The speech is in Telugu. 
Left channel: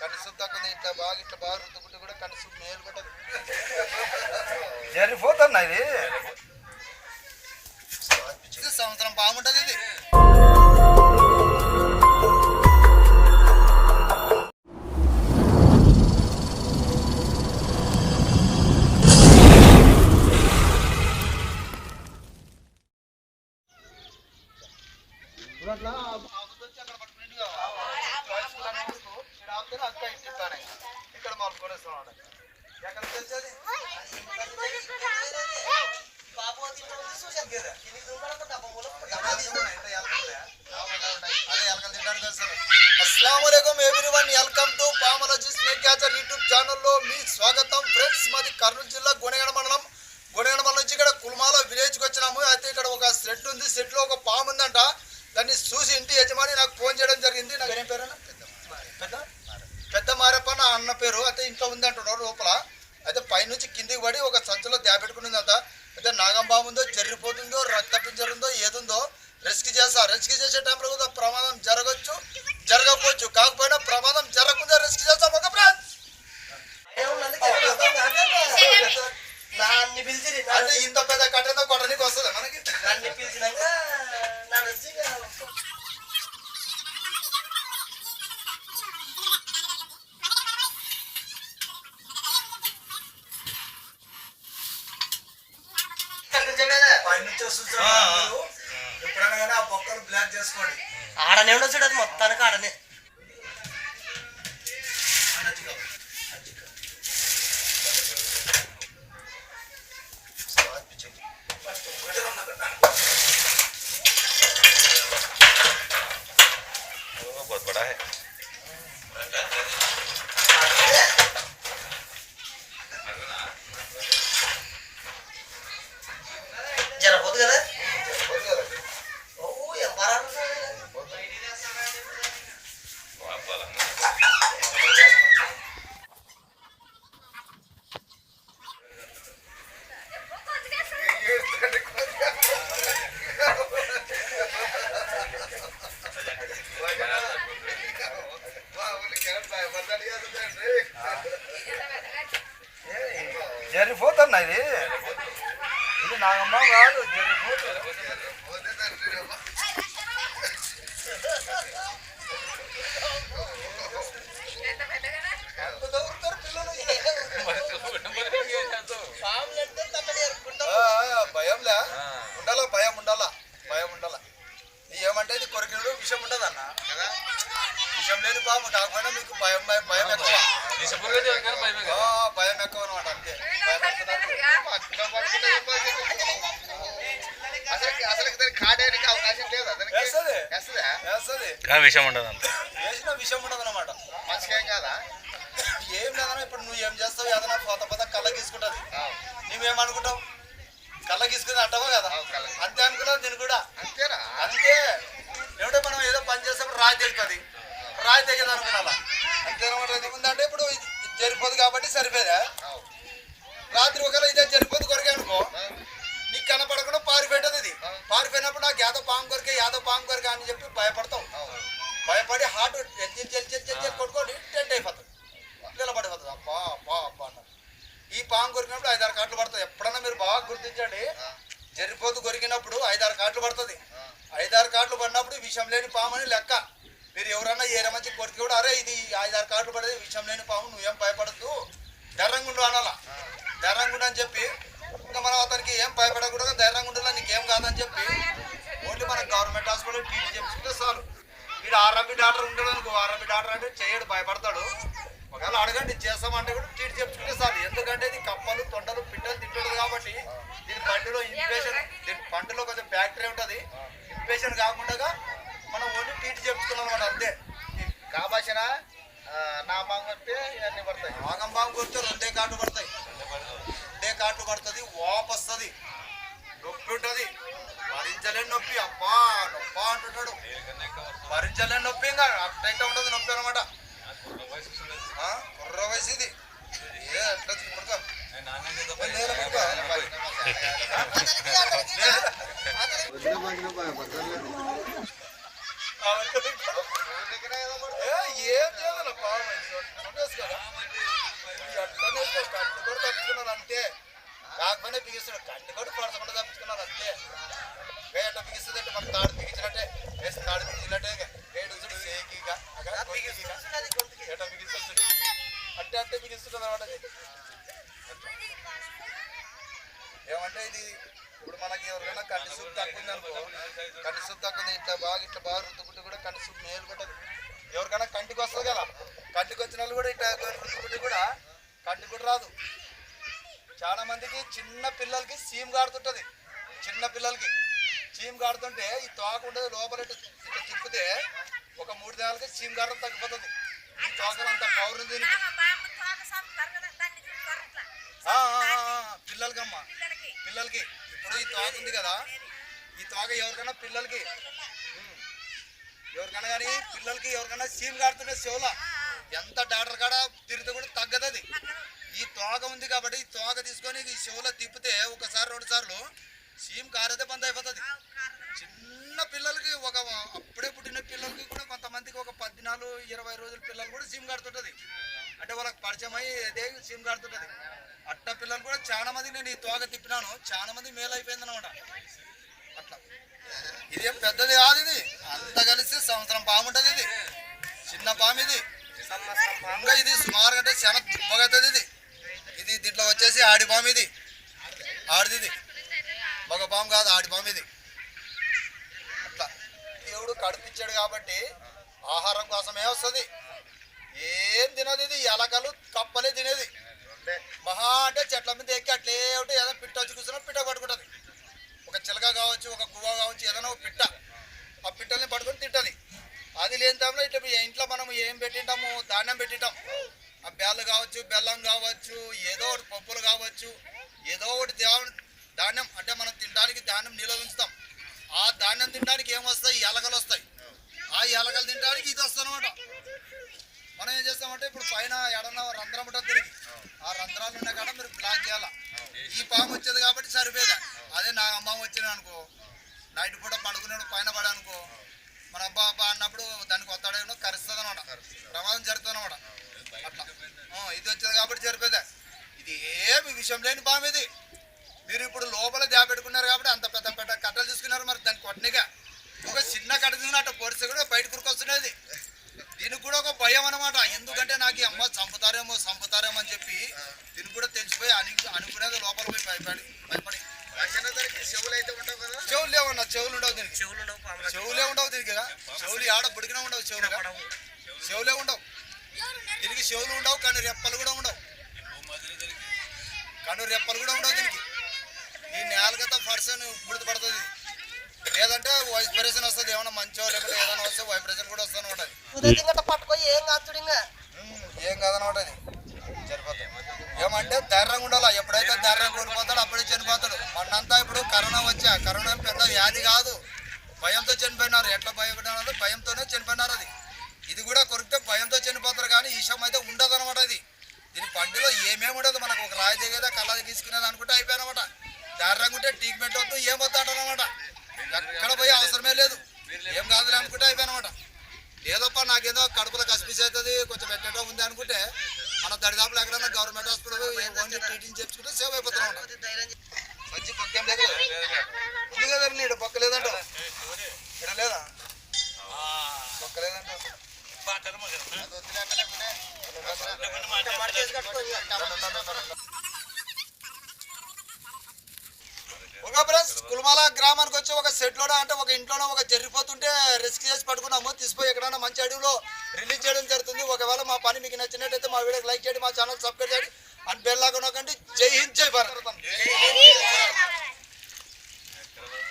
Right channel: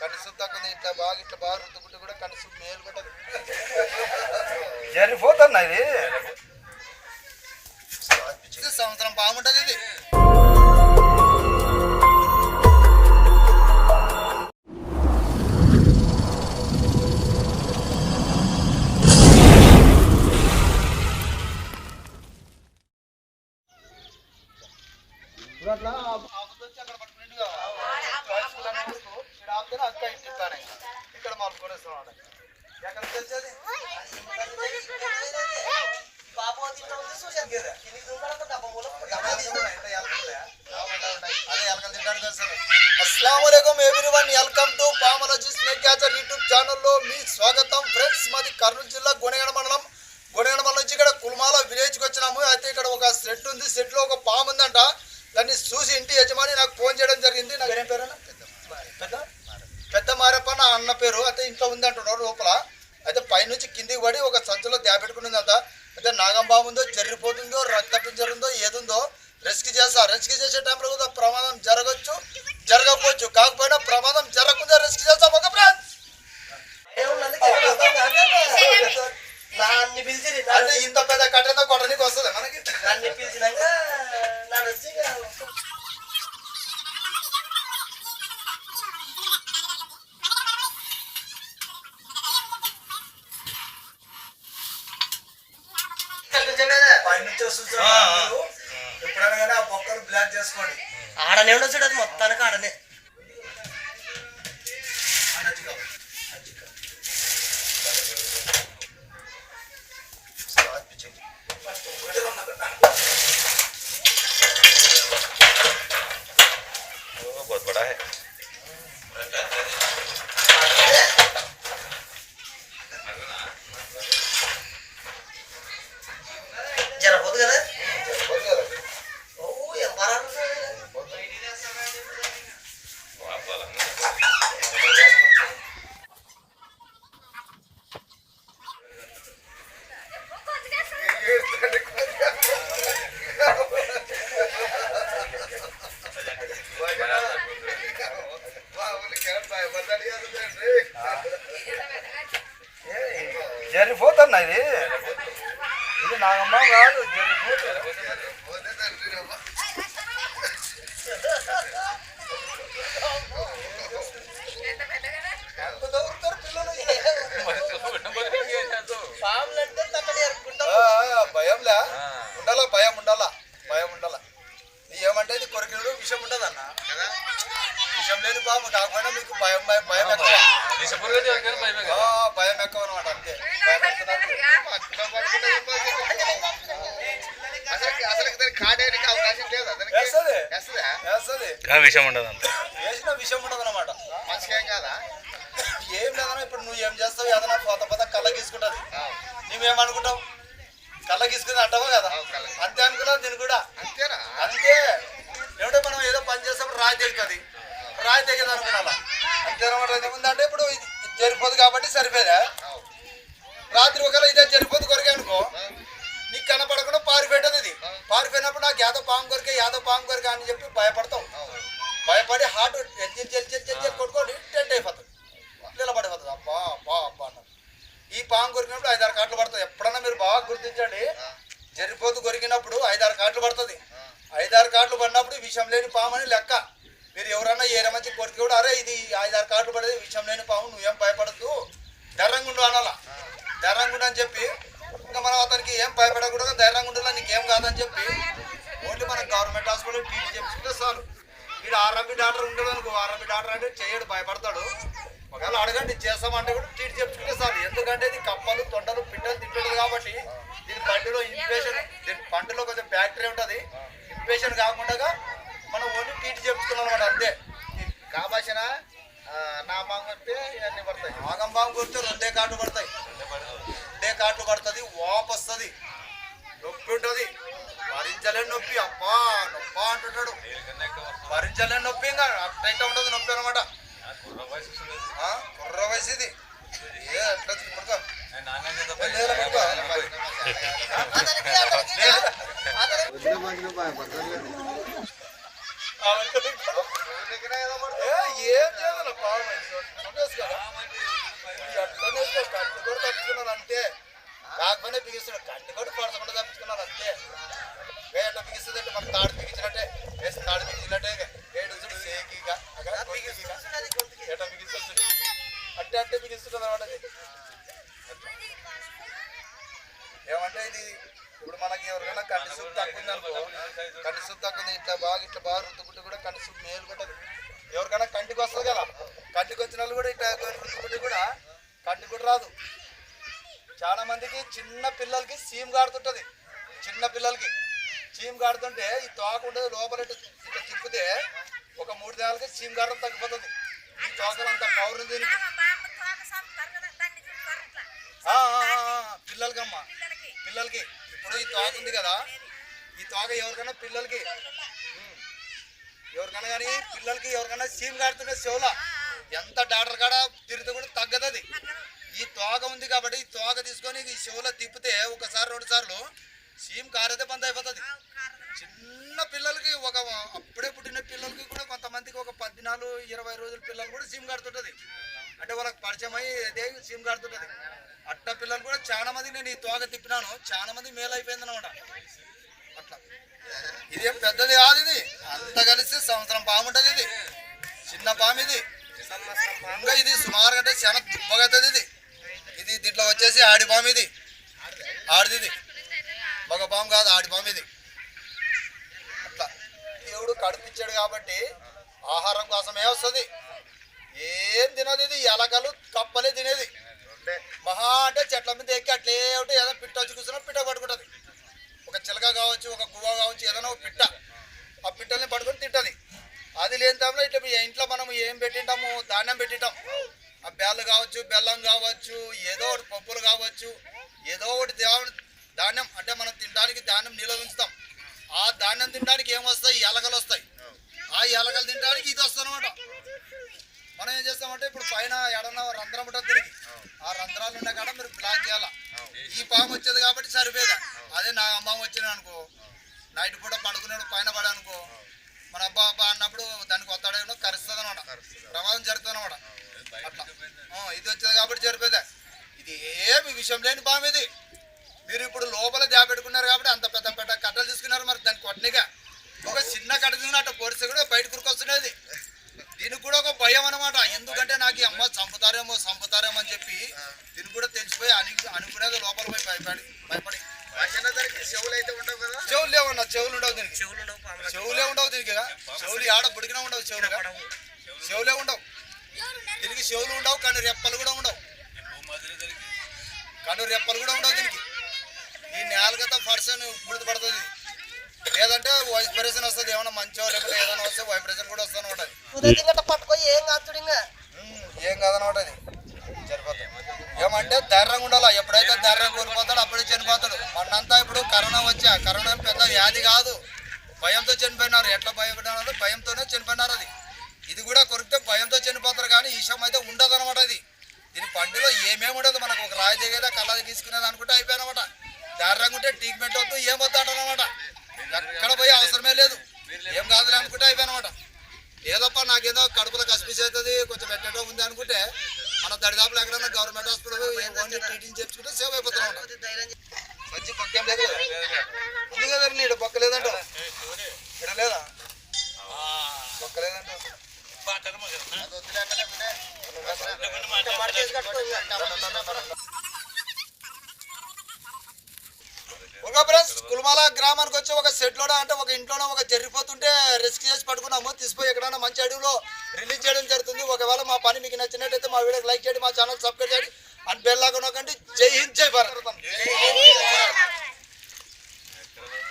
కనీసం తగ్గుంది ఇట్లా బాగా ఇట్లా బాగా రుద్దుకుంటే కూడా కనీసం మేలు కూడా జరిపోతున్నా ఇది ఇది? సంవత్సరం బాగుంటది ఇది. together. చేస్తా. రెస్క్యూ చేసే టైంలో కూడా ప్రమాదం జరగచ్చు జరగకపోవచ్చు. కాకపోయినా ప్రమాదం జరగకుండా రెస్క్యూ చేస్తాం ఒక పిలిచిరి. అంటే ఇంత పెద్ద కట్టెతో కొట్టడానికి వస్తుంది మనకి? నన్ను పిలిచినాక నన్ను వచ్చి పైనుంచి వస్తుంది ఎప్పుడైనా కానీ ఆ బొక్కలు బ్లాక్ చేసుకోండి. ఆడనే ఉండొచ్చు అది మొత్తానికి ఆడనే. విషం ఉండదన్న కదా విషం లేని పాము కాకపోయినా మీకు భయం భయం భయం ఎక్కువ. ఆ, భయం ఎక్కువ అనమాట అంతే. వేస్తుంది. వేస్తుంది? విషయం ఉండదు అంత. వేసిన విషయం ఉండదు అనమాట మంచిగా కాదా? ఏం లేదన్నా ఇప్పుడు నువ్వు ఏం చేస్తావు? ఏదైనా పోత పోత కళ్ళ గీసుకుంటది. నువ్వేమనుకుంటావు? కళ్ళ గీసుకుని అంటావా కదా? అంతే అనుకున్నావు దీన్ని కూడా? అంతేనా? అంతే. ఏమిటో మనం ఏదో పని చేసేప్పుడు రాయి తెగుతుంది రాయి తెగదు అనుకున్నా అంతేనమాట ఇది ఉందంటే ఇప్పుడు జరిపోదు కాబట్టి సరిపోదా రాత్రి ఒకవేళ ఇదే జరిపోదు కొరికే అనుకో. నీకు కనపడకుండా పారిపెట్టదు ఇది. పారిపోయినప్పుడు నాకు యాదవ పాము కొరికే యాదో పాము కొరికే అని చెప్పి భయపడతాం. భయపడి హార్ట్ ఎచ్చి చెల్చి చెల్చి కొట్టుకోండి టెంట్ అయిపోతుంది నిలబడిపోతుంది అబ్బా అబ్బా అబ్బా అన్న. ఈ పాము కొరికినప్పుడు ఐదారు కాట్లు పడుతుంది ఎప్పుడన్నా మీరు బాగా గుర్తించండి. జరిపోతు కొరికినప్పుడు ఐదారు కాట్లు పడుతుంది. ఐదారు కార్డులు పడినప్పుడు విషం లేని పాము అని లెక్క. మీరు ఎవరన్నా ఏరే మంచి కొరికి కూడా అరే ఇది ఐదారు కార్డులు పడేది విషం లేని పాము నువ్వేం భయపడద్దు. ధైర్యంగా ఉండు అనాలా. ధైర్యంగా అని చెప్పి ఇంకా మనం అతనికి ఏం భయపడకూడదు ధైర్యంగా నీకేం కాదని చెప్పి ఓన్లీ మన గవర్నమెంట్ హాస్పిటల్ ట్రీట్ చేయించుకుంటే చాలు. వీడు ఆర్ఎంపి డాక్టర్ ఉండదు అనుకో ఆర్ఎంపి డాక్టర్ అంటే చేయడు భయపడతాడు. ఒకవేళ అడగండి చేస్తామంటే కూడా ట్రీట్ చెప్పుకుంటే సార్ ఎందుకంటే ఇది కప్పలు తొండలు పిట్టలు తింటుంది కాబట్టి దీని పంటలో ఇన్ఫెక్షన్ దీని పంటలో కొంచెం బ్యాక్టీరియా ఉంటుంది. ఇన్ఫెక్షన్ కాకుండా మనం ఓన్లీ ట్రీట్ చేయించుకున్నాం అనమాట అంతే. కాబాసిన నా బాంగ్ వస్తే ఇవన్నీ పడతాయి. ఆగం బాగా కొడితే రెండే కాట్లు పడతాయి. రెండే కాట్లు పడుతుంది వాపు వస్తుంది నొప్పి ఉంటుంది. భరించలేని నొప్పి అబ్బా నొప్ప అంటుంటాడు. భరించలేని నొప్పి ఇంకా అట్టయితే ఉంటుంది నొప్పి అనమాట కుర్ర వయసు ఇది ఏ పడుకో ఏం చేయదు పాము కట్టు కూడా తట్టుకున్నాను అంతే కాకపోయినా బిగిస్తున్నాడు కట్టు కూడా పడకుండా తప్పుకున్నాను అంతే వేట బిగిస్తుంది అంటే మాకు తాడు బిగించినట్టే వేసి తాడు బిగించినట్టే వేడు సేకిగా ఎట బిగిస్తుంది అట్టే. అట్టే బిగిస్తుంది అనమాట పాపం ఇది? ఎవరికైనా కంటి సూప్ తక్కువ కంటి సూప్ తక్కువ ఉంది ఇట్లా బాగా ఇట్లా బాగా రుద్దుకుంటే కూడా కంటి సూప్ మేలు కొట్టదు. ఎవరికైనా కంటికి వస్తుంది కదా. కంటికి వచ్చిన వాళ్ళు కూడా ఇట్లా రుద్దుకుంటే కూడా కంటికి కూడా రాదు. చాలా మందికి చిన్న పిల్లలకి సీమ్ గాడుతుంటది. చిన్న పిల్లలకి సీమ్ గాడుతుంటే ఈ తోక ఉండదు లోపల ఇట్లా తిప్పితే ఒక మూడు దినాలకి సీమ్ గాడడం తగ్గిపోతుంది. ఈ తోకలు అంత దీనికి. ఆ, ఆ, పిల్లలకమ్మా. పిల్లలకి. ఇప్పుడు ఈ తోక ఉంది కదా ఈ తోక ఎవరికైనా పిల్లలకి? ఎవరికైనా కానీ పిల్లలకి ఎవరికైనా సీమ్ కాడుతుంటే చెవుల. ఎంత డాక్టర్ కాడ తిరిగితే కూడా తగ్గదు అది ఈ తోక ఉంది కాబట్టి ఈ తోక తీసుకొని ఈ చెవులో తిప్పితే ఒకసారి రెండు సార్లు సీమ్ కారేదే బంద్ అయిపోతుంది. చిన్న పిల్లలకి ఒక అప్పుడే పుట్టిన పిల్లలకి కూడా కొంతమందికి ఒక పద్నాలుగు ఇరవై రోజుల పిల్లలు కూడా సీమ్ కడుతుంటుంది. అంటే వాళ్ళకి పరిచయం అయ్యి సిమ్ సీమ్ అట్ట పిల్లలు కూడా చాలా మంది నేను ఈ తోక తిప్పినాను. చాలా మంది మేలు అయిపోయింది అనమాట. అట్లా. ఇదేం పెద్దది కాదు ఇది. అంత కలిసి సంవత్సరం పాము ఉంటుంది ఇది. చిన్న పాము ఇది. ఇంకా ఇది సుమారు అంటే చాలా దుబ్బగా ఇది. ఇది దీంట్లో వచ్చేసి ఆడి పాము ఇది. ఆడిది ఇది. మగ పాము కాదు ఆడి పాము ఇది. అట్లా. దేవుడు కడుపిచ్చాడు కాబట్టి ఆహారం కోసమే వస్తుంది. ఏం తినదు ఇది. ఎలకలు కప్పలే తినేది. చెట్ల మీద ఎక్కి అట్లే ఉంటే ఏదైనా పిట్ట వచ్చి కూర్చున్నా పిట్ట పట్టుకుంటుంది ఒక చిలక కావచ్చు ఒక గువ్వ కావచ్చు ఏదైనా ఒక పిట్ట. ఆ పిట్టల్ని పట్టుకొని తింటుంది. అది లేని టైంలో ఇట్లా ఇంట్లో మనం ఏం పెట్టింటాము? ధాన్యం పెట్టింటాం ఆ బెల్లు కావచ్చు బెల్లం కావచ్చు ఏదో ఒకటి పప్పులు కావచ్చు ఏదో ఒకటి దేవుడి ధాన్యం అంటే మనం తినడానికి ధాన్యం నిల్వ ఉంచుతాం. ఆ ధాన్యం తినడానికి ఏమొస్తాయి? ఎలకలు వస్తాయి. ఆ ఎలకలు తినడానికి ఇది వస్తుంది మనం ఏం చేస్తామంటే ఇప్పుడు పైన ఎడన రంధ్రం ఉంటుంది దీనికి ఆ రంధ్రాలు ఉన్న కాడ మీరు బ్లాక్ చేయాలా? ఈ పాము వచ్చేది కాబట్టి సరిపోయేదా? అదే నా అమ్మ వచ్చిన అనుకో. నైట్ పూట పండుకునేప్పుడు పైన పడనుకో మన అబ్బా అబ్బా అన్నప్పుడు దానికి వస్తాడేమో కరుస్తుంది అనమాట ప్రమాదం జరుగుతుంది అనమాట అట్లా. ఇది వచ్చేది కాబట్టి సరిపోయేదా? ఇది ఏమి విషయం లేని పాము ఇది. మీరు ఇప్పుడు లోపల దాపెట్టుకున్నారు కాబట్టి అంత పెద్ద చెవులే ఉండవు దీనికి. చెవులు ఆడ బుడికినా ఉండవు చెవులు. చెవులే ఉండవు. దీనికి చెవులు ఉండవు కానీ రెప్పలు కూడా ఉండవు. కను రెప్పలు కూడా ఉండవు దీనికి. ఈ నేలకతో పర్సన్ గుర్తుపడుతుంది. లేదంటే వైబ్రేషన్ వస్తుంది ఏమైనా మంచో లేకపోతే ఏదైనా వస్తే వైబ్రేషన్ కూడా వస్తూనే ఉంటుంది పట్టుకో ఏం కాదు ఏం కాదనమాట అది. ఏమంటే ధైర్యంగా ఉండాలి? ఎప్పుడైతే ధైర్యం కోల్పోతాడో అప్పుడే చనిపోతాడు. మొన్నంతా ఇప్పుడు కరోనా వచ్చా. కరోనా పెద్ద వ్యాధి కాదు. భయంతో చనిపోయినారు. ఎట్లా భయపడినారు భయంతోనే చనిపోయినారు అది. ఇది కూడా కొరికితే భయంతో చనిపోతారు కానీ విషయం అయితే ఉండదు అనమాట ఇది దీని పండులో ఏమేమి ఉండదు మనకు. ఒక రాయి దిగేదా కళ్ళది తీసుకునేది అనుకుంటే అయిపోయానమాట. ధైర్యంగా ఉంటే ట్రీట్మెంట్ వద్దు ఏం అంటారనమాట ఎక్కడ పోయి అవసరమే లేదు. ఏం కాదులే అనుకుంటే అయిపోయానమాట. ఏదప్ప నాకేదో కడుపులో కసిపిసి అవుతుంది కొంచెం పెట్టేటో ఉంది అనుకుంటే మన దరిదాపులు ఎక్కడైనా గవర్నమెంట్ హాస్పిటల్ ఓన్లీ ట్రీటింగ్ చేయించుకుంటే సేవ్ అయిపోతున్నాం మంచి పక్క ఏం లేదు కదా నీడ పక్క లేదంట ఇక్కడ లేదా? కుల్మాల గ్రామానికి వచ్చి ఒక సెట్ సెట్లోనో అంటే ఒక ఇంట్లోనో ఒక జరిగిపోతుంటే రిస్క్ చేసి పట్టుకున్నాము తీసిపోయి ఎక్కడైనా మంచి అడవిలో రిలీజ్ చేయడం జరుగుతుంది. ఒకవేళ మా పని మీకు నచ్చినట్టయితే మా వీడియోకి లైక్ చేయండి మా ఛానల్ సబ్స్క్రైబ్ చేయండి. అండ్ బెల్లాగా నొక్కండి. జై హింద్ జై భారత్.